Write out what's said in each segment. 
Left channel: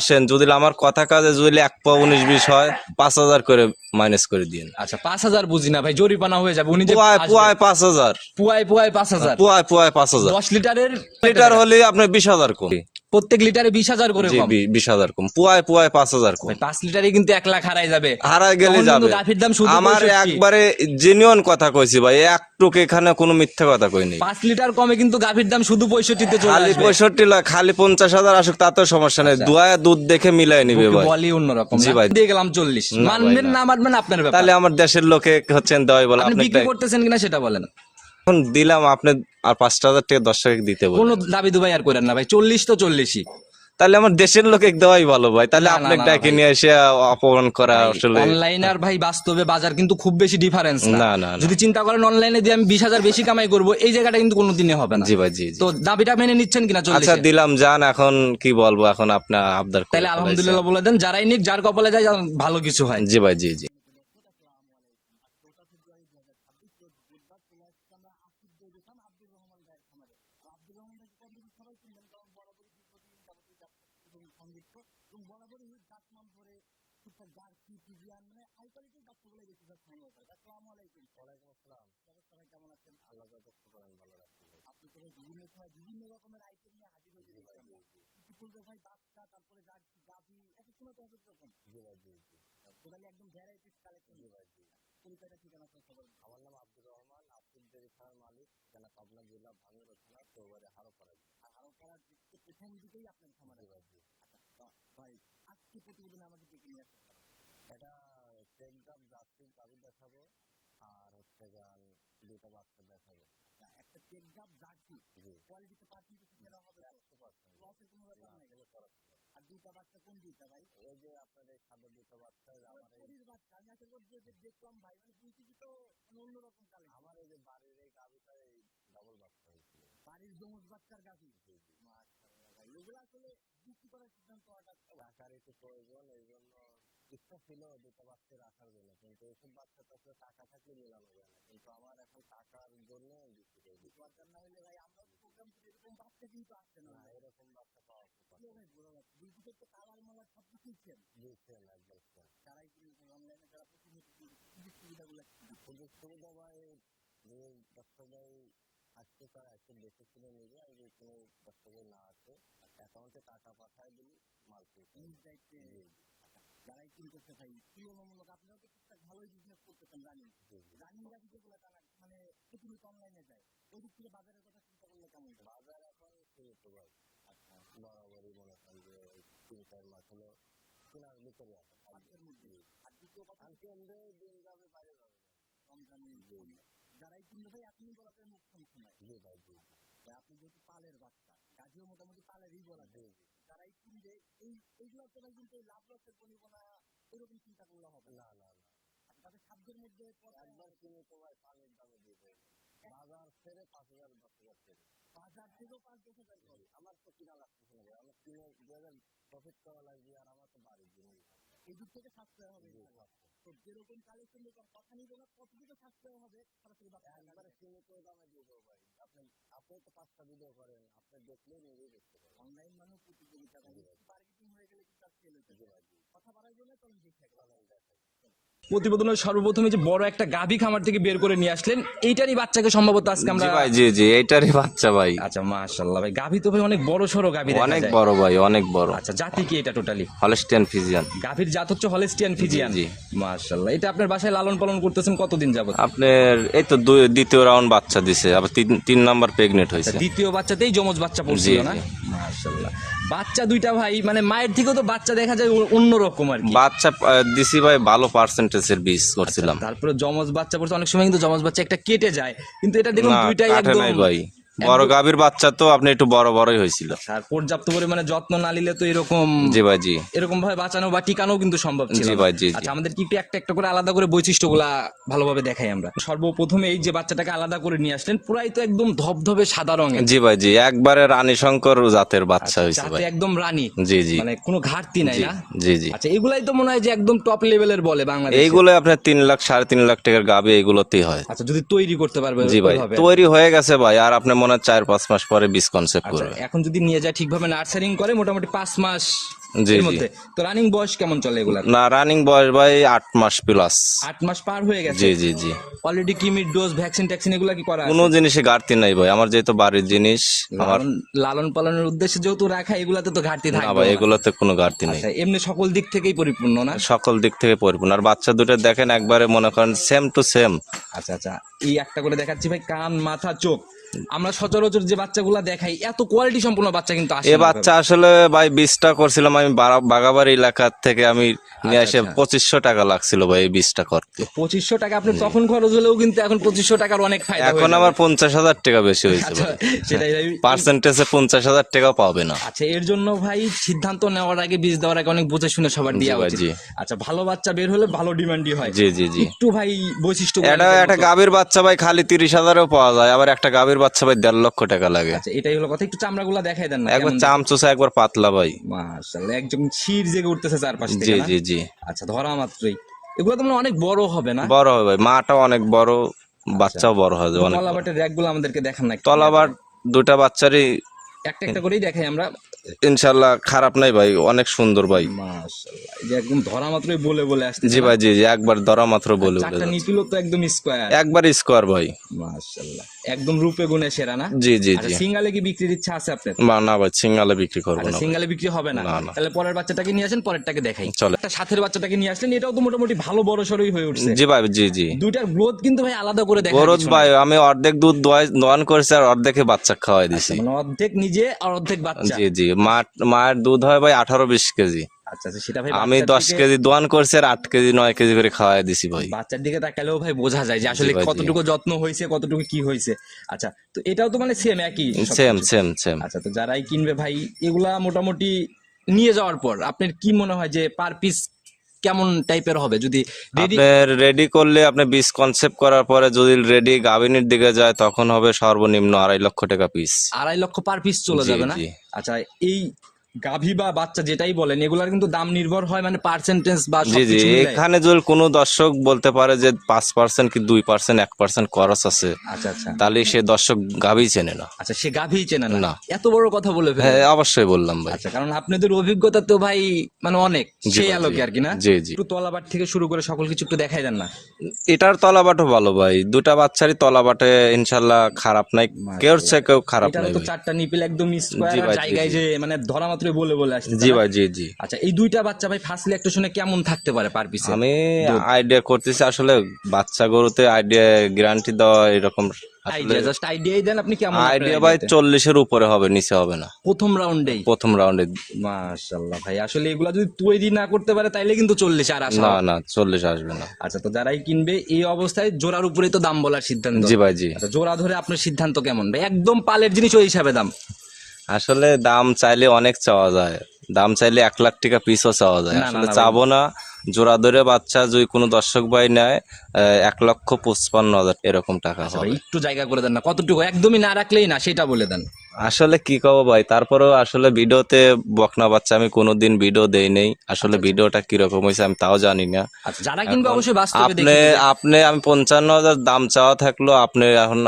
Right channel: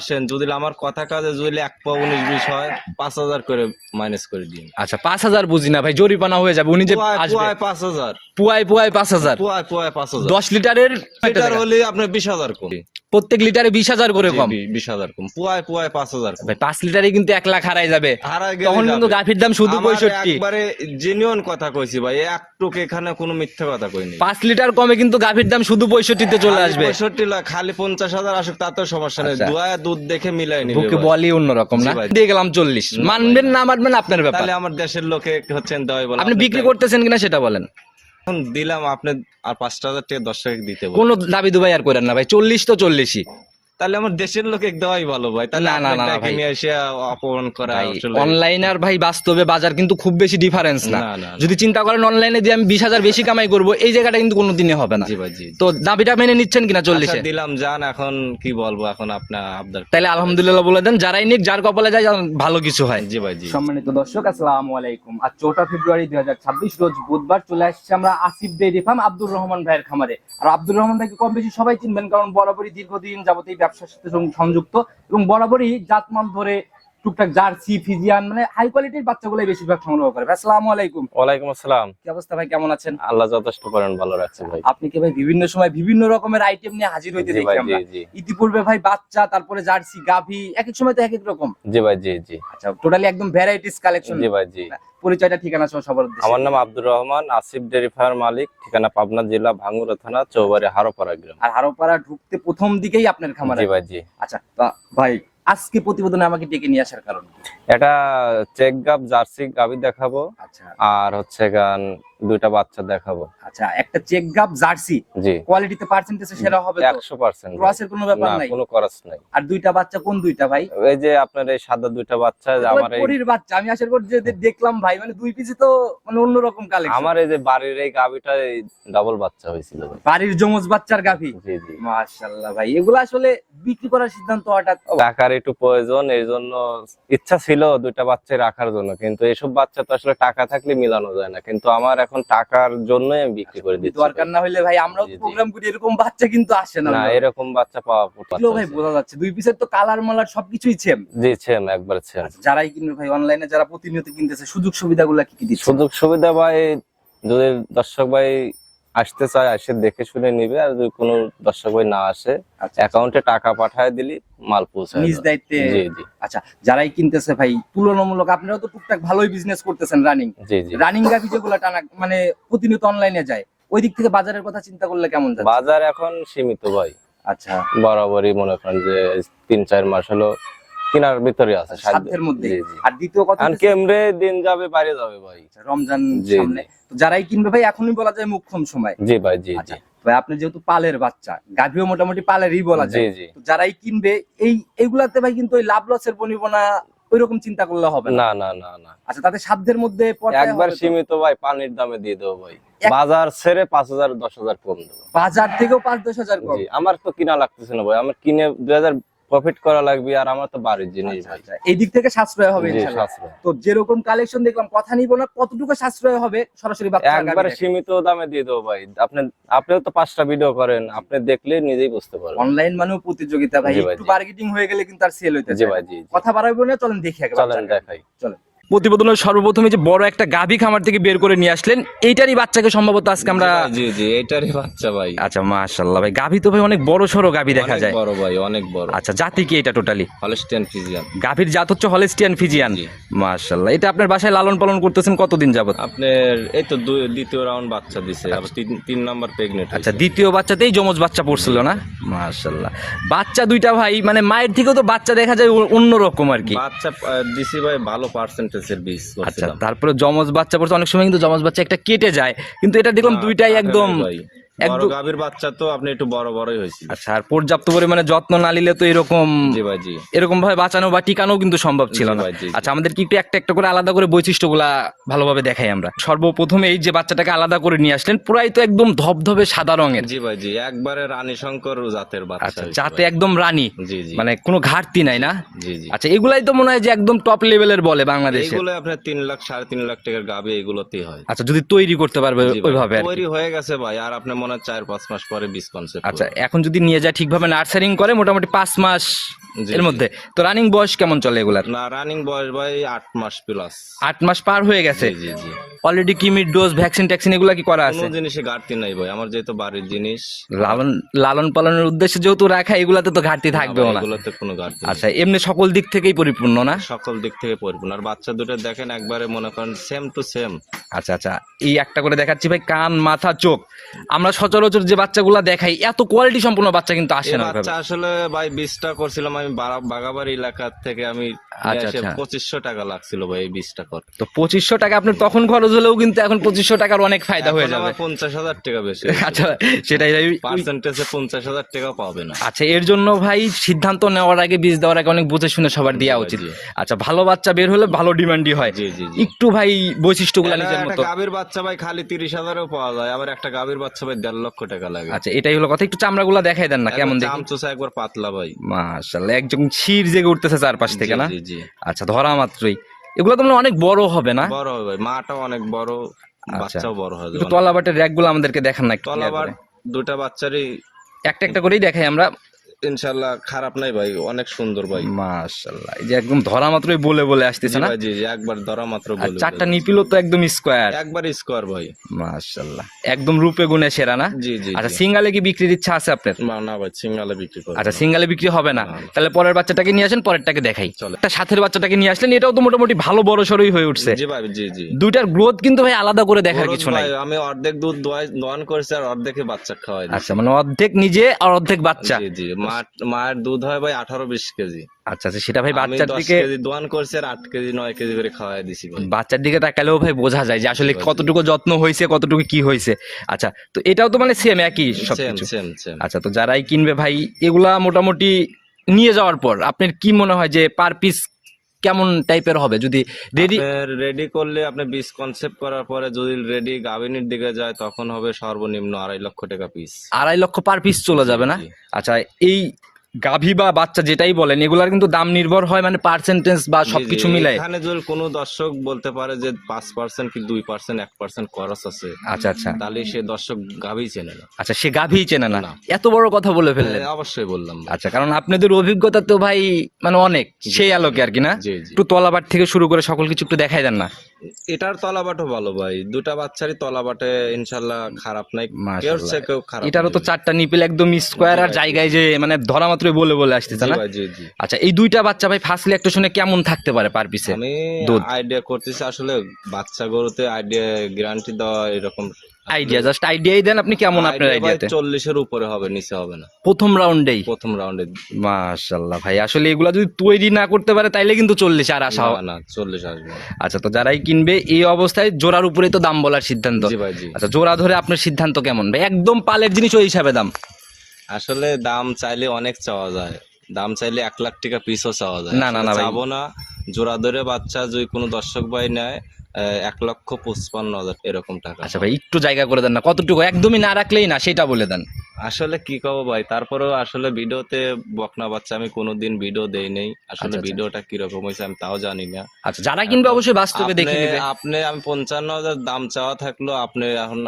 আসেন যদি আমার কথা কাজে যদি 1.19-20 হয় 5,000 করে মাইনাস করে দিন। আচ্ছা 5,000 বুঝি না ভাই, জরিমানা হয়ে যাবে। উনি যে পুয়ায় 5,000, পুয়ায় 5,000, পুয়ায় 5,000, 10 লিটারের লিটার হলে আপনার 20,000 কম, প্রত্যেক লিটারে 20,000 করে কম, 20,000 কম, পুয়ায় 5,000 কম। 5 লিটারে কিন্তু 1 লাখ হারাই যাবে, হারাই গেলে তখন কিন্তু যাবে। গাভীর দাম শুধু আমার 65। একবারে জেনুইন কথা কইছি ভাই, একটুক এখানে কোনো মিথ্যা কথা কইনি। 5 লিটার কমে কিন্তু গাভীর দাম শুধু 65 তে চলে আসবে। 65 লাখ, খালি 50,000 আসুক তাতেও সমস্যা নেই, দুয়ায় দুধ দেখে মিলাই নিবে ভাই। বলি অন্যরকম না, দিয়ে গেলাম 40, মানবেন না মানবেন আপনার ব্যাপার। তাহলে আমার দেশের লোকে হচ্ছেন দেওয়াই বলে। আপনি বিক্রি করতেছেন কিনা সেটা বলেন। এখন দিলাম আপনি আর 5,000 টাকা 10 টাকা দিতে বলেন। কোনো দাবি দুবাই আর করেন না ভাই, 40 তো 40ই। তাহলে আমার দেশের লোকে দেওয়াই ভালো ভাই, তাহলে আপনি ডাকে নিয়ে এসে অপমান করা আসলে অনলাইন আর ভাই বাস্তবে বাজার কিন্তু খুব বেশি ডিফারেন্স না। না। যদি চিন্তা করেন অনলাইনে দিয়ে আমি 20,000 বেশি কামাই করব, এই জায়গাটা কিন্তু কোনোদিনই হবে না। জি ভাই জি। তো দাবিটা মেনে নিচ্ছেন কিনা 40? আচ্ছা দিলাম, জান এখন কি বলবো, এখন আপনার আবদার। তাহলে আলহামদুলিল্লাহ বলে দেন, যারাই নিক যার কপালে যায় ভালো কিছু হয়। জি ভাই জি। সম্মানিত দর্শক আসসালামু আলাইকুম। আজ 4 ফেব্রুয়ারি 2026 রোজ বুধবার চলে আসছে আমরা আসিফ ডেইরি ফার্ম আব্দুর রহমান ভাইয়ের খামারে। আর আব্দুর রহমান ভাইকে কম বেশি সবাই চিনবেন, কারণ বরাবরই দীর্ঘদিন যাবত এই ব্যবসার সাথে সংযুক্ত এবং বরাবরই জাতমান ধরে টুকটাক জার্সি ফিজিয়ান মানে হাই কোয়ালিটির বাচ্চাগুলো বেশিরভাগ সংগ্রহ করে। আসসালামু আলাইকুম। ওয়ালাইকুম আসসালাম। কি অবস্থা ভাই, কেমন আছেন? আল্লাহ যথেষ্ট করেন, ভালো রাখছে ভাই। আপনি কি ভাই বিভিন্ন সময় বিভিন্ন রকমের আইটেম নিয়ে হাজির হইতে দেখি আমরা। ইতিপূর্বে ভাই বাচ্চা, তারপরে জার্সি, গাভী, এক এক সময় তো এক এক রকম। জি ভাই জি জি। আচ্ছা টোটালি একদম ভ্যারাইটিস কালেকশন। জি ভাই জি। পরিচয়টা ঠিকানা সহ সবার উদ্দেশ্যে। আমার নাম আব্দুর রহমান, আসিফ ডেইরি ফার্ম মালিক, ঠিকানা পাবনা জেলা ভাঙ্গুড়া থানা চৌবাড়ি হারোপাড়া গ্রাম। আর হারোপাড়া ঢুকতে প্রথম দিকেই আপনার খামার? জি ভাই জি। আচ্ছা ভাই আজকে প্রতিবেদনে আমাকে ডেকে নিয়ে আসার কারণ? এটা চেক গাব জার্সি গাভী দেখাবো। আচ্ছা। আর হচ্ছে গান দুইটা বাচ্চা দেখাবো। আচ্ছা একটা চেক গাব জার্সি, জি। কোয়ালিটিতে পার্সেন্টেজে সেরা হবে তো? 100%। ক্রসের কোনো ব্যাপার নাই? কোনো ক্রস নাই। আর দুইটা বাচ্চা কোন দুইটা ভাই? এই যে আপনার এই সাদা দুইটা বাচ্চা, আমার এই পরীর বাচ্চা। আমি আশা করি যে দেখলাম ভাই মানে দুই পিসে তো মানে অন্যরকম কালেকশন। আমার এই যে বাড়ির এই গাভীটা ডাবল বাচ্চা হয়েছিল ভাই। বাড়ির যমজ বাচ্চার গাভী? জি জি। মাশাআল্লাহ ভাই, এগুলো আসলে বিক্রি করার সিদ্ধান্ত হঠাৎ? টাকার একটু প্রয়োজন, এই জন্য ইচ্ছা ছিল দুইটা বাচ্চা রাখার জন্য, কিন্তু এসব বাচ্চা তো আসলে টাকা থাকলে মিলানো যায় না, কিন্তু আমার এখন টাকার জন্যই আমি বিক্রি করে দিচ্ছি। দরকার না হলে ভাই আমরাও প্রোগ্রাম করি, এরকম বাচ্চা কিন্তু আসে না। না এরকম বাচ্চা পাওয়া ভাই বোঝা যাচ্ছে দুই পিসের তো কালার মালার সবকিছুই সেম। জি সেম, একবার সেম। যারাই কিনবে ভাই অনলাইনে, যারা প্রতিনিয়ত কিনতেছে, সুযোগ সুবিধাগুলো কি কি দিচ্ছে? সুযোগ সুবিধা ভাই যদি দর্শক ভাই আসতে চায় আসে দেখে শুনে নিবে, আর যদি কোনো দর্শক ভাই না আসে অ্যাকাউন্টে টাকা পাঠায় দিলি মাল পৌঁছায় নিজ দায়িত্বে। জি জি। আচ্ছা যারাই কিনতেছে ভাই তুলনামূলক আপনারাও তো টুকটাক ভালোই বিজনেস করতেছেন রানিং। জি জি। রানিং গাভি যেগুলো টানা মানে প্রতিনিয়ত অনলাইনে যায়, ওই দিক থেকে বাজারের কথা চিন্তা করলে কেমন যাচ্ছে? বাজার এখন সীমিত ভাই। আচ্ছা বরাবরই মনে করেন যে 3-4 মাস হলো কিনার ভিতরে আছে সাধ্যের মধ্যে। আর দ্বিতীয় কথা কেমনে দিন যাবে বাইরে যাবে ভাই, রমজান সামনে, তো যারাই কিনবে ভাই এখনই বলা যায় মুখ্যম সময়। জি ভাই জি জি। ভাই আপনি যেহেতু পালের বাচ্চা, গাভীও মোটামুটি পালেরই বলা যায়, যারাই কিনবে এইগুলাতে ভাই কিন্তু ওই লাভ লসের বনিবনা ওইরকম চিন্তা করলে হবে না। না না না। আচ্ছা তাতে সাধ্যের মধ্যে একবার সীমিত ভাই, পানির দামে দিয়ে দেবো ভাই, বাজার ছেড়ে 5,000-10,000 কম দেবো। বাজার থেকেও 5-10,000 কম? আমার তো কিনা লাগতেছে না ভাই, আমার কিনে 2,000 প্রফিট করা লাগবে, আর আমার তো বাড়ির জিনিস ভাই। এই দিক থেকে সাশ্রয় হবে ইনশাআল্লাহ। তো যেরকম কালেকশন দেখলাম, কথা নিব না, কতটুকু সাশ্রয় হবে সরাসরি বাচ্চা একবার সীমিত দামে দিয়ে দেবো ভাই। আপনিও তো 5টা ভিডিও করেন, আপনি দেখলে নিজেই বুঝতে পারবেন। অনলাইন মানেও প্রতিযোগিতা ভাই, একটু মার্কেটিং হয়ে গেলে কিন্তু আর সেল হইতে জি ভাই জি। কথা বাড়াইবো না, চলেন দেখি আগে। চলেন দেখাই। চলেন। প্রতিবেদনের সর্বপ্রথমে যে বড় একটা গাভী খামার থেকে বের করে নিয়ে আসলেন, এইটারই বাচ্চাকে সম্ভবত আজকে আমরা? জি জি এইটারই বাচ্চা ভাই। আচ্ছা মাশাআল্লাহ ভাই, গাভী তো ভাই অনেক বড় সরো গাভী দেখা যায়। অনেক বড় ভাই, অনেক বড়। আচ্ছা জাতি কি এটা? Totally Holstein Friesian. গাভীর জাত হচ্ছে হলস্টিয়ান ফিজিয়ান। মাশাআল্লাহ। এটা আপনার বাসায় লালন পালন করতেছেন কতদিন যাবত? আপনার এই তো দ্বিতীয় রাউন্ড বাচ্চা দিছে, আবার 3 নাম্বার প্রেগন্যান্ট হইছে। দ্বিতীয় বাচ্চাতেই যমজ বাচ্চা পড়ছিল না? মাশাআল্লাহ। বাচ্চা দুইটা ভাই মানে মায়ের থেকেও তো বাচ্চা দেখা যায় অন্যরকম আর কি। বাচ্চা দিছি ভাই ভালো পার্সেন্টেজের বীজ করছিলাম। তারপরে যমজ বাচ্চা পড়ছে, অনেক সময় কিন্তু যমজ বাচ্চা একটা কেটে যায়, কিন্তু এটা দেখুন দুইটাই একদম বড় গাভীর বাচ্চা তো আপনি একটু বড় বড়ই হয়েছিল। আচ্ছা, আর পর্যাপ্ত পরিমাণে যত্ন না নিলে তো এরকম জি ভাই জি এরকম ভাবে বাঁচানো বা টিকানো কিন্তু সম্ভব ছিল জি না। ভাই, জি, জি। আচ্ছা, আমাদের কি একটু একটা একটা করে আলাদা করে বৈশিষ্ট্যগুলা ভালোভাবে দেখাই আমরা। সর্বপ্রথমে এই যে বাচ্চাটাকে আলাদা করে নিয়ে আসলেন, পুরাই তো একদম ধবধবে সাদা রঙের, জি ভাই জি, একবারে রানী শঙ্কর জাতের বাচ্চা হয়েছে যাতে ভাই। একদম রানী, জি জি মানে কোনো ঘাটতি নাই না। জি জি। আচ্ছা, এগুলাই তো মনে হয় যে একদম টপ লেভেলের বলে বাংলাদেশে। এইগুলো আপনার 3 লাখ 3.5 লাখ টাকার গাভী এগুলোতেই হয়। আচ্ছা, যদি তৈরি করতে পারবে জি ভাই, ওইভাবে আর কি। তৈরি হয়ে গেছে ভাই, আর আপনি মনে হয় 4-5 মাস পরে বীজ কনসেপ্ট আচ্ছা, করবে। এখন যদি নিয়ে যায় ঠিকভাবে নার্সারিং করে মোটামুটি 5 মাস জি, এর জি। মধ্যে, তো রানিং বয়স কেমন চলে এগুলার? না, রানিং বয়স ভাই 8 মাস প্লাস। 8 মাস পার হয়ে গেছে। জি জি জি। অলরেডি কিমির ডোজ, ভ্যাকসিন ট্যাকসিন এগুলা কি করা কোনো আছে? জিনিসে ঘাটতি নাই ভাই, আমার যেহেতু বাড়ির জিনিস। লালন লালন পালনের উদ্দেশ্যে যেহেতু রাখা, এগুলাতে তো ঘাটতি না থাকবে ভাই, না। এগুলোতে কোনো ঘাটতি নেই। আচ্ছা, এমনি সকল দিক থেকেই পরিপূর্ণ না? সকল দিক থেকে পরিপূর্ণ। আর বাচ্চা দুটো দেখেন একবারে মনে করেন সেম টু সেম। আচ্ছা আচ্ছা, এই একটা করে দেখাচ্ছি ভাই, কান, মাথা, চোখ। আমরা সচরাচর যে বাচ্চাগুলা দেখাই, এত কোয়ালিটি সম্পূর্ণ বাচ্চা কিন্তু আসে এ না বাচ্চা আসলে ভাই বীজটা করছিলাম আমি বাগাবাড়ি এলাকা থেকে, আমি নিয়ে এসে আচ্ছা। 2500 টাকা লাগছিল ভাই এই বীজটা কর। তো 2500 টাকা আপনার তখন খরচ হলেও কিন্তু এখন 2500 টাকার অনেক ফায়দা হয়ে এখন যাবে। আমার 50,000 টাকা বেশি হয়েছে। আচ্ছা, সেটাই ভাই। পার্সেন্টেজে 50,000 টাকা পাবে না। আচ্ছা, এর জন্য ভাই সিদ্ধান্ত নেওয়ার আগে, বীজ দেওয়ার আগে অনেক বুঝে শুনে সবার দেওয়া ভাই, উচিত। জি। আচ্ছা, ভালো বাচ্চা বের হলে ভালো ডিমান্ডই হয়। জি জি জি। একটু ভাই বৈশিষ্ট্যগুলো এটা একটা গাভীর বাচ্চা ভাই খালি 30,000-এও পাওয়া যায়, আবার একটা গাভীর বাচ্চা ভাই 1.5 লক্ষ টাকা লাগে। আচ্ছা, এটাই হলো কথা। একটু চামড়াগুলো দেখাই দেন না একবার কেমন দেখি। চামচুসা একবার পাতলা ভাই। মাশাআল্লাহ, একদম শির জেগে উঠতেছে চারপাশ জি থেকে না? জি জি। আচ্ছা, ধরা মাত্রই এগুলো তো মনে হয় অনেক বড় হবে না? বড় হবে ভাই, মাটাও অনেক বড়, বাচ্চাও বড় হবে অনেক বড়। তলাবাটের র্যাকগুলো আমাদেরকে দেখান না একটু। তলাবার দুটা বাচ্চারই একটা একটা করেই দেখাই আমরা। ইনশাল্লাহ খারাপ নাই ভাই, অনেক সুন্দর ভাই। মাশাআল্লাহ, এই যে একদম ধরা মাত্রই বলে বলে আসতেছে জি না? ভাই জি জি, একবার ধরা মাত্র বলে চারটা বলে। নিপিলও তো একদম স্কোয়ার। একবার স্কোয়ার ভাই। মাশাআল্লাহ, একদম রূপে গুণে সেরা না? জি জি আচ্ছা, জি। সিঙ্গালে কি বিক্রির ইচ্ছা আছে আপনার? না ভাই, সিঙ্গালে বিক্রি করবো আচ্ছা, না। সিঙ্গালে বিক্রি হবে না? না, না। তাহলে পরের বাচ্চাটাকে নিয়ে আসেন, পরেরটাকে দেখাই। চলে। একটা সাথের বাচ্চাটাকে নিয়ে আসলেন, এটাও তো মোটামুটি ভালো বড় সড়ই হয়ে উঠছে। জি ভাই জি জি। দুইটার গ্রোথ কিন্তু ভাই আলাদা করে দেখার গরুজ কিছু ভাই, নাই। আমি অর্ধেক দুধ দোয়ান করেছি আর অর্ধেকে বাচ্চা খাওয়াই দিছি। আচ্ছা, মানে অর্ধেক নিজে আর অর্ধেক বাচ্চা। জি জি। মায়ের দুধ হয় ভাই 18-20 কেজি। আচ্ছা আচ্ছা, সেটা ভাই আমি বাচ্চার 10 দিকে, কেজি দোয়ান করছি আর 8 কেজি 9 কেজি করে খাওয়াই দিছি ভাই। বাচ্চার দিকে তাকালেও ভাই বোঝা যায় যে আসলে জি ভাই, জি। কতটুকু যত্ন হয়েছে, কতটুকু কি হয়েছে। আচ্ছা, তো এটাও তো মানে সেম একই সেম সবকিছু। Same same. আচ্ছা, তো যারাই কিনবে ভাই, এগুলা মোটামুটি নিয়ে যাওয়ার পর আপনার কি মনে হয় যে পার পিস কেমন টাইপের হবে? যদি রেডি রেডি করলে আপনি বীজ কনসেপ্ট করার পরে যদি রেডি গাভিনীর দিকে যায় তখন হবে সর্বনিম্ন 2.5 লক্ষ টাকা পিস। 2.5 লক্ষ পার পিস চলে জি, যাবে না? জি। আচ্ছা, এই গাভী বা বাচ্চা যেটাই বলেন, এগুলার কিন্তু দাম নির্ভর হয় মানে পার্সেন্টেজ বা জি জি। সবকিছু মিলাই। এখানে যদি কোনো দর্শক বলতে পারে যে 5% কি 2%, 1% খরচ আছে, আচ্ছা আচ্ছা তাহলে সে দর্শক গাভী চেনে না। আচ্ছা, সে গাভী চেনে না? না। এত বড় কথা বলে ফেলে। হ্যাঁ, অবশ্যই বললাম ভাই। আচ্ছা, কারণ আপনাদের অভিজ্ঞতা তো ভাই মানে অনেক, সেই আলোকে আর কি না? জি জি। একটু তলাবাট থেকে শুরু করে সকল কিছু একটু দেখাই দেন না। এটার তলাবাটও ভালো ভাই, দুটা বাচ্চারই তলাবাটে ইনশাল্লাহ খারাপ নাই, কেউ সে কেউ খারাপ এটারও নাই তো ভাই। 4টা নিপেল একদম স্কোয়ার, জি আর ভাই, জি, জায়গায় জি। যে মানে ধরা মাত্রই বলে বলে আসতেছে জি না? ভাই জি জি। আচ্ছা, এই দুইটা বাচ্চা ভাই ফার্স্টলি একটা শুনে কেমন থাকতে পারে পার পিসে? আমি দুধ। আইডিয়া করতেছি আসলে বাচ্চা গরুতে আইডিয়া গ্যারান্টি দেওয়া এরকম আইডিয়া, জাস্ট আইডিয়াই দেন আপনি, কেমন আপনার আইডিয়া ভাই আইডিয়াতে? 40-এর উপরে হবে, নিচে হবে না প্রথম রাউন্ডেই? প্রথম রাউন্ডে। মাশাআল্লাহ ভাই, আসলে এগুলা যদি তৈরি না করতে পারে তাইলে কিন্তু 40 আর আসা না হবে। না 40 আসবে না। আচ্ছা, তো যারাই কিনবে এই অবস্থায় জোড়ার উপরেই তো দাম বলার সিদ্ধান্ত। জি ভাই জি। আচ্ছা, জোড়া ধরে আপনার সিদ্ধান্ত কেমন ভাই? একদম পালের জিনিস ওই হিসাবে দাম? আসলে দাম চাইলে অনেক চাওয়া যায়, দাম চাইলে 1 লাখ টাকা পিসও চাওয়া যায়। না, না, আসলে না ভাই। চাবো না। জোড়া ধরে বাচ্চা যদি কোনো দর্শক ভাই নেয় 1,55,000 এরকম টাকা আচ্ছা হবে। ভাই, একটু জায়গা করে দেন না, কতটুকু? একদমই না রাখলেই না, সেটা বলে দেন। আসলে কি কবো ভাই, তারপরেও আসলে ভিডিওতে বকনা বাচ্চা আমি কোনোদিন ভিডিও দেই নেই, আসলে ভিডিওটা কিরকম হয়েছে আমি তাও জানি না। আচ্ছা, যারা কিনবে অবশ্যই বাস্তবে আপনি দেখে নেবে। আপনি আমি 55,000 দাম চাওয়া থাকলো, আপনি এখন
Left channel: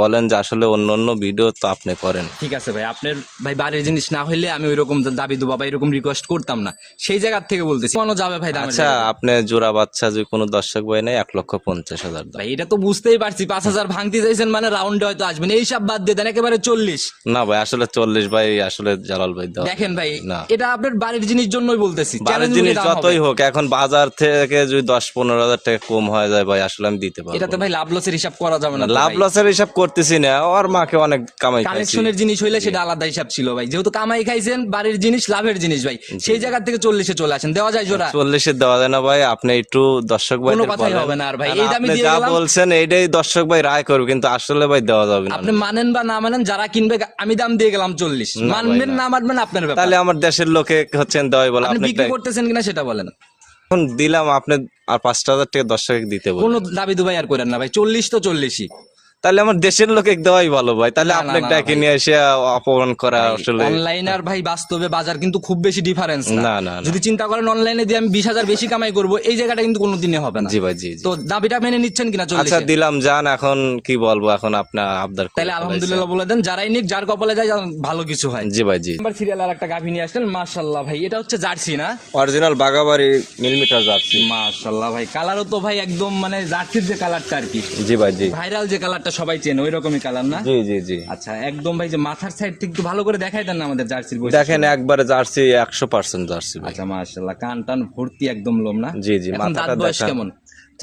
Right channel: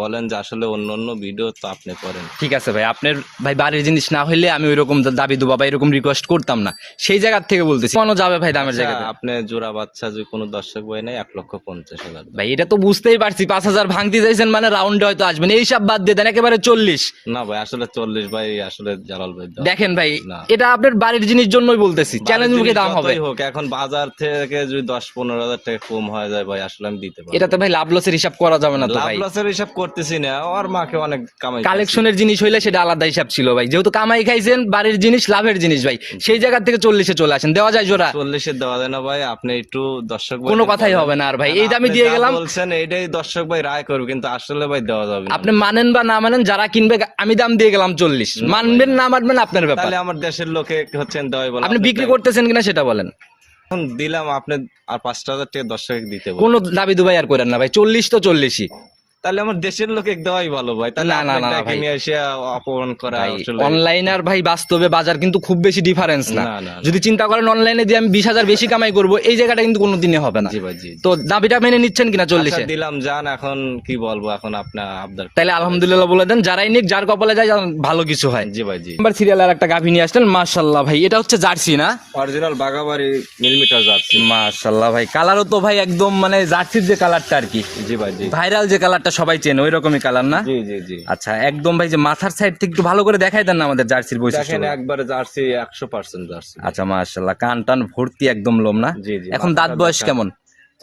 বলেন যে আসলে অন্য অন্য ভিডিও তো আপনি করেন। ঠিক আছে ভাই, আপনার ভাই বাড়ির জিনিস না হইলে আমি ওইরকম দাবি দুবা বা এরকম রিকোয়েস্ট করতাম না, সেই জায়গার থেকে বলতেছি। কেন যাবে ভাই দামের আচ্ছা, জায়গায়? আপনি জোড়া বাচ্চা যদি কোনো দর্শক ভাই নেয় 1,50,000 দাম। ভাই এটা তো বুঝতেই পারছি, 5,000 ভাঙতে চাইছেন মানে রাউন্ডে হয়তো আসবেন, এইসব বাদ দিয়ে দেন একেবারে 40। না ভাই, আসলে 40 ভাই, আসলে জালাল ভাই দাও। দেখেন ভাই, না। এটা আপনার বাড়ির জিনিস জন্যই বলতেছি, বাড়ির চ্যালেঞ্জ জিনিস দাম হবে। যতই হোক, এখন বাজার থেকে যদি 10-15,000 টাকা কম হয়ে যায় ভাই, আসলে আমি দিতে পারবো এটাতে না। ভাই লাভ লসের হিসাব করা যাবে না তো লাভ ভাই। লসের হিসাব করতেছি না, ওর মাকে অনেক কামাই খাইছি। কালেকশনের জিনিস হইলে সেটা আলাদা হিসাব ছিল ভাই, যেহেতু কামাই খাইছেন বাড়ির জিনিস লাভের জিনিস ভাই, সেই জায়গা থেকে 40-এ চলে আসেন, দেওয়া যায় জোড়া? 40-এ দেওয়া যায় না ভাই, আপনি একটু দর্শক ভাই কোনো কথাই হবে না আর ভাই, এই দামে দিয়ে গেলাম। বলছেন এইটাই দর্শক ভাই রায় করবে, কিন্তু আসলে ভাই দেওয়া যাবে না। আপনি মানেন বা না মানেন, যারা কিনবে আমি দাম দিয়ে গেলাম 40, মানবেন না মানবেন আপনার ব্যাপার। তাহলে আমার দেশের লোকে হচ্ছেন দেওয়াই বলে, আপনি বিক্রি করতেছেন কিনা সেটা বলেন। এখন দিলাম আপনি আর 5,000 টাকা দর্শক দিতে বলেন। কোনো দাবি দুবাই আর করেন না ভাই, 40 তো 40ই। তাহলে আমার দেশের লোকে দেওয়াই ভালো ভাই, তাহলে না, না, আপনি না, ডাকে ভাই। নিয়ে এসে অপমান করা আসলে অনলাইন আর ভাই বাস্তবে বাজার কিন্তু খুব বেশি ডিফারেন্স না। না, না, না। যদি চিন্তা করেন অনলাইনে দিয়ে আমি 20,000 বেশি কামাই করব, এই জায়গাটা কিন্তু কোনোদিনই হবে না। জি ভাই, জি জি। তো দাবিটা মেনে নিচ্ছেন কিনা 40-এ? আচ্ছা দিলাম যান, এখন কি বলবো, এখন আপনার আবদার তাহলে আলহামদুলিল্লাহ বলে দেন, যারাই নিক যার কপালে যায় ভালো কিছু হয়। জি ভাই, জি। নাম্বার সিরিয়ালের একটা গাভী নিয়ে আসলেন, মাশাআল্লাহ ভাই, এটা হচ্ছে জার্সি না? অরিজিনাল বাগাবাড়ি মিলিমিটার যাচ্ছে। মাশাআল্লাহ ভাই, কালারও তো ভাই একদম মানে জার্সির যে কালারটা আর কি, জি ভাই, জি ভাইরাল যে কালারটা সবাই চেনে ওই রকমই কালার না? জি জি জি। আচ্ছা, একদম ভাই যে মাথার সাইড থেকে একটু ভালো করে দেখাই দেন না আমাদের জার্সির বৈশিষ্ট্য। দেখেন একবারে জার্সি 100% জার্সি ভাই। আচ্ছা মাশাআল্লাহ, কান টান ভর্তি একদম লোম না? জি জি। এখন দাঁত মাথাটা বয়স দেখান। কেমন?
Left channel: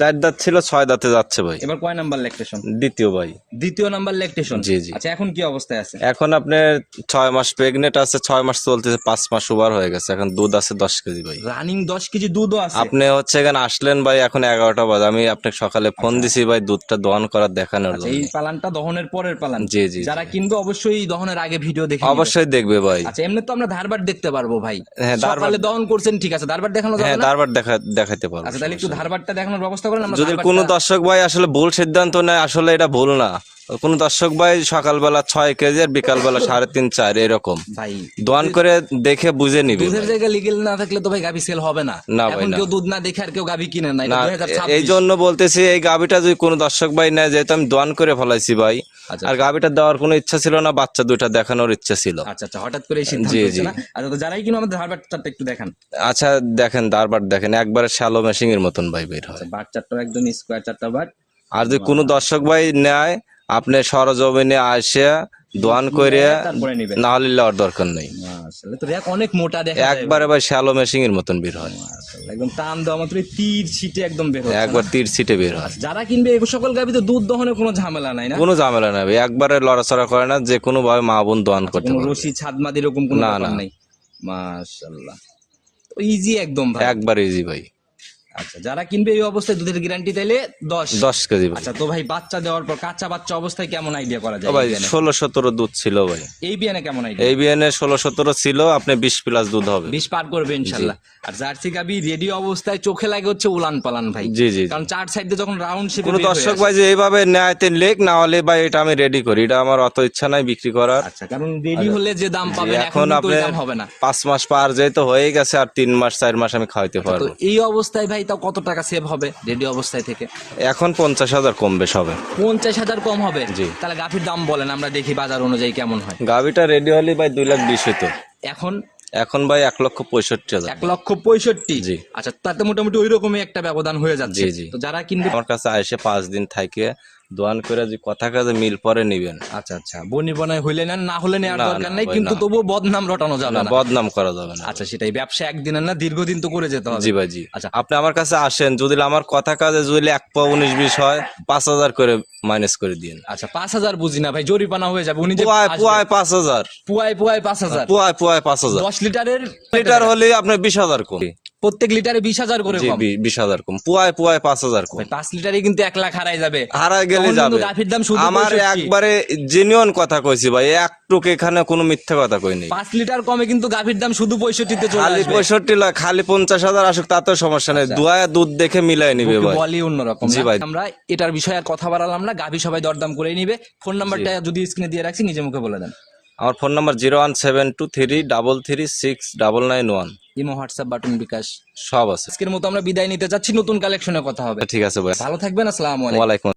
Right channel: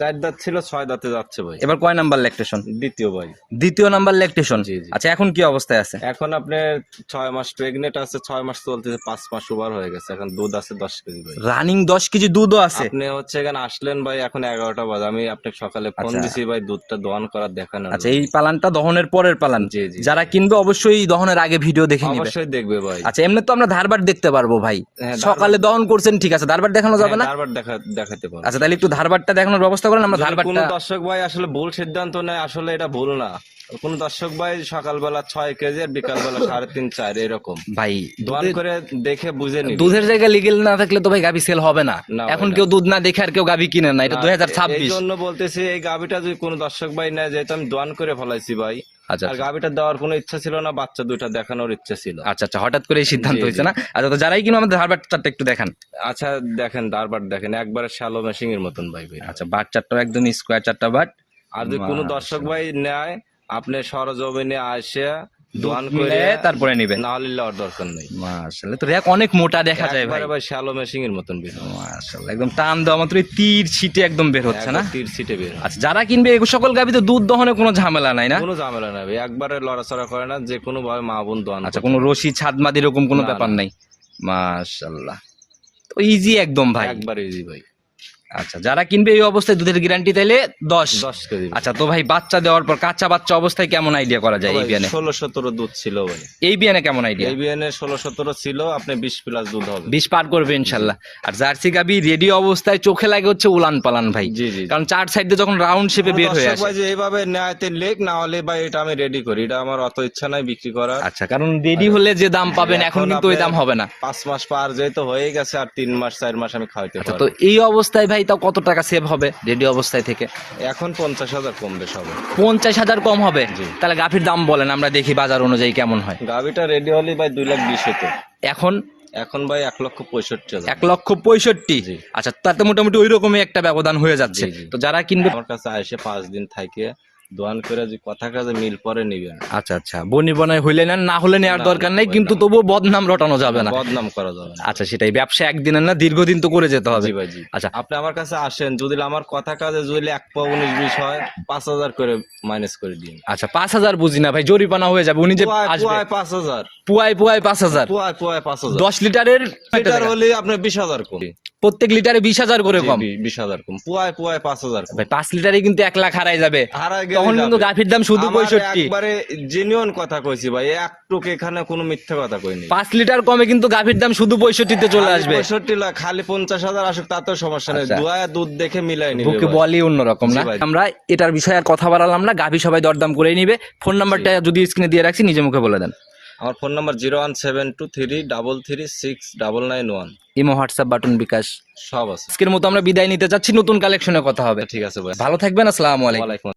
4 দাঁত ছিল, 6 দাঁতে যাচ্ছে ভাই। এবার কয় নাম্বার ল্যাকটেশন? দ্বিতীয় ভাই। দ্বিতীয় নাম্বার ল্যাকটেশন। জি, জি। আচ্ছা, এখন কি অবস্থায় আছে? এখন আপনার 6 মাস প্রেগনেন্ট আছে, 6 মাস চলতেছে, 5 মাস ওভার হয়ে গেছে, এখন দুধ আছে 10 কেজি ভাই। রানিং 10 কেজি দুধও আছে? আপনি হচ্ছে এখানে আসলেন ভাই, এখন 11টা বাজে, আমি আপনাকে সকালে ফোন দিছি ভাই দুধটা দহন করার দেখানোর আচ্ছা, জন্য। এই পালানটা দহনের পরের পালান? জি, জি, যারা কিনবে অবশ্যই দহনের আগে ভিডিও দেখে নিবে। অবশ্যই দেখবে ভাই। আচ্ছা, এমনি তো আমরা ধারবার দেখতে পারবো ভাই, হ্যাঁ, সকালে দহন করছেন ঠিক আছে, ধারবার দেখানো যাবে হ্যাঁ, না? তারপর দেখাতে পারবো। আচ্ছা, তাহলে একটু ধারবারটা দেখানোর ব্যবস্থা করেন, আমরা যদি ধারবারটা। কোনো দর্শক ভাই আসলে ভুল সিদ্ধান্ত নেয়, আসলে এটা ভুল না। কোন দর্শক ভাই সকালবেলা 6 কেজি আর বিকালবেলা 3.5-4 এরকম ভাই দোয়ান করে দেখে বুঝে নিবে। দুধের জায়গায় লিগেল না থাকলে তো ভাই গাভী সেল হবে না। না ভাই, এখন না। কেউ দুধ না দেখে আর কেউ গাভী কিনে না, এটা না, 2026। এই জন্য বলতেছি এই গাভিটা যদি কোনো দর্শক ভাই নেয়, যেহেতু আমি দোয়ান করে ফেলাইছি ভাই, আচ্ছা, আর গাভিটা দেওয়ার কোনো ইচ্ছা ছিল না, বাচ্চা দুইটা দেখানোর ইচ্ছা ছিল। আচ্ছা আচ্ছা, হঠাৎ করে এই সিদ্ধান্ত জি, হয়েছে জি। না? আচ্ছা, তো যারাই কিনো আমাদের ধারবারটা একটু দেখান। আচ্ছা দেখেন, দারবার দেখেন, একবারে শ্যালো মেশিং এর মতন ভাই বের হয়। আচ্ছা, বাট চারটা একদম স্কোয়ার চারটা বাট। আর যদি কোনো দর্শক ভাই নেয়, আপনি সরজমিনে আসে দোয়ান করে তারপরে নিবে, না হলে লওয়ার দরকার নেই। মাশাআল্লাহ, তো র্যাক অনেক মোটা দেখা যায় একবারে ভাই শ্যালো মেশিং এর মতন বের হয়, মাশাআল্লাহ, একদম টান দেওয়া মাত্রই তীর ছিটে একদম বের হচ্ছে না? একবার তীর ছিটে বের হয়। আচ্ছা, যারা কিনবে এই সকল গাভীতে দুধ দহনে কোনো ঝামেলা নাই না? কোনো ঝামেলা নাই ভাই, একবারে লড়াচড়া করে না, যে কোনো ভাবে মা বোন দোয়ান আচ্ছা, করতে কোনো পারবে। রশি ছাদমাদ এরকম কোনো না, ব্যাপার না। নাই? মাশাআল্লাহ, তো ইজি একদম ভাই। একবার ইজি ভাই। আচ্ছা, যারা কিনবে এই অবস্থায় দুধের গ্যারান্টি তাইলে 10 কেজি ভাই। আচ্ছা, তো ভাই বাচ্চা দেওয়ার পর কাঁচা বাচ্চা অবস্থায় কেমন আইডিয়া করা যায় এই ভাই বিয়ানে? 16-17 দুধ ছিল ভাই। এই বিয়ানে কেমন আইডিয়া? এই বিয়ানে 16-17 ছিল, আপনি 20+ দুধ হবে। 20 পার করবে ইনশাল্লাহ। আর জার্সি গাবি রেডি অবস্থায় চোখে লাগে হচ্ছে উলান পালান ভাই, জি জি। কারণ চার সাইডে যখন রাউন্ড শেপে কোনো বের হয়ে দর্শক আসে। ভাই যে এইভাবে নেয় তে লেখ, না হলে ভাই এটা আমি রেডি করি, এটা আমার অত ইচ্ছা নাই বিক্রি করার। আচ্ছা, কারণ রেডি হলে যে দাম পাবেন এখন কিন্তু ওই আপনার দাম হবে না। 5 মাস পার যেহেতু হয়ে গেছে, আর 3 মাস 4 মাস আমি খাওয়াইতে তো পারবো। এই অবস্থায় ভাই তাও কত টাকা সেভ হবে রেডি অবস্থায় থেকে? এখন 50,000 কম বেশ হবে। 50,000 কম হবে? জি। তাহলে গাভীর দাম বলেন, আমরা দেখি বাজার অনুযায়ী কেমন হয়। গাভিটা রেডি হলে ভাই 2,20,000 হতো। এখন এখন ভাই 1,65,000। 1,65,000। জি। আচ্ছা, তাতে মোটামুটি ওই রকমই একটা ব্যবধান হয়ে যাচ্ছে। জি, জি। তো যারা কিনবে, আমার কাছে এসে 5 দিন থাকে দোয়ান করে যে কথা কাজে মিল পরে নিবেন। আচ্ছা আচ্ছা, বনি বনায় হইলে নেন, না হলে নেওয়ার না, দরকার না নেই, ভাই, কিন্তু না। তবুও বদনাম রটানো যাবে না। বদনাম করা যাবে না। আচ্ছা, সেটাই, ব্যবসা একদিনের না, দীর্ঘদিন তো করে যেতে হবে। জি ভাই, জি। আচ্ছা, আপনি আমার কাছে আসেন, যদি আমার কথা কাজে যদি 1 পা 19-20 হয়, 5,000 করে মাইনাস করে দিন। আচ্ছা, 5,000 বুঝি না ভাই, জরিপানা হয়ে যাবে। উনি যে পুয়ায় আসবে, 5,000, পুয়ায় 5,000, পুয়ায় 5,000। 10 লিটারের লিটার হলে আপনার 20,000 কম। প্রত্যেক লিটারে 20,000 করে জি, কম। 20,000 কম। পুয়ায় 5,000 কম। ভাই 5 লিটারে কিন্তু 1 লাখ হারাই যাবে। হারায় গেলে তখন কিন্তু যাবে। গাভীর দাম শুধু আমার 65। একবারে জেনুইন কথা কইছি ভাই, একটুক এখানে কোনো মিথ্যা কথা কই নেই। 5 লিটার কমে কিন্তু গাভীর দাম শুধু 65 চলে খালি আসবে। 65 লাখ, খালি 50,000 আসুক তাতেও সমস্যা নেই, আচ্ছা। দুয়া দুধ দেখে মিলাই নিবে বুকে ভাই। বলি অন্যরকম জি না? ভাই। আমরা এটার বিষয়ে আর কথা বাড়ালাম না, গাভী সবাই দরদাম করে নিবে। ফোন নাম্বারটা যদি স্ক্রিনে দিয়ে রাখছি, নিজে মুখে বলে দেন। আমার phone number 01723336991। Imo, WhatsApp, button, bKash সব আছে। আজকের মতো আমরা বিদায় নিতে চাচ্ছি, নতুন কালেকশনে কথা হবে। ঠিক আছে ভাই, ভালো থাকবেন, আসসালামু আলাইকুম। ওয়ালাইকুম।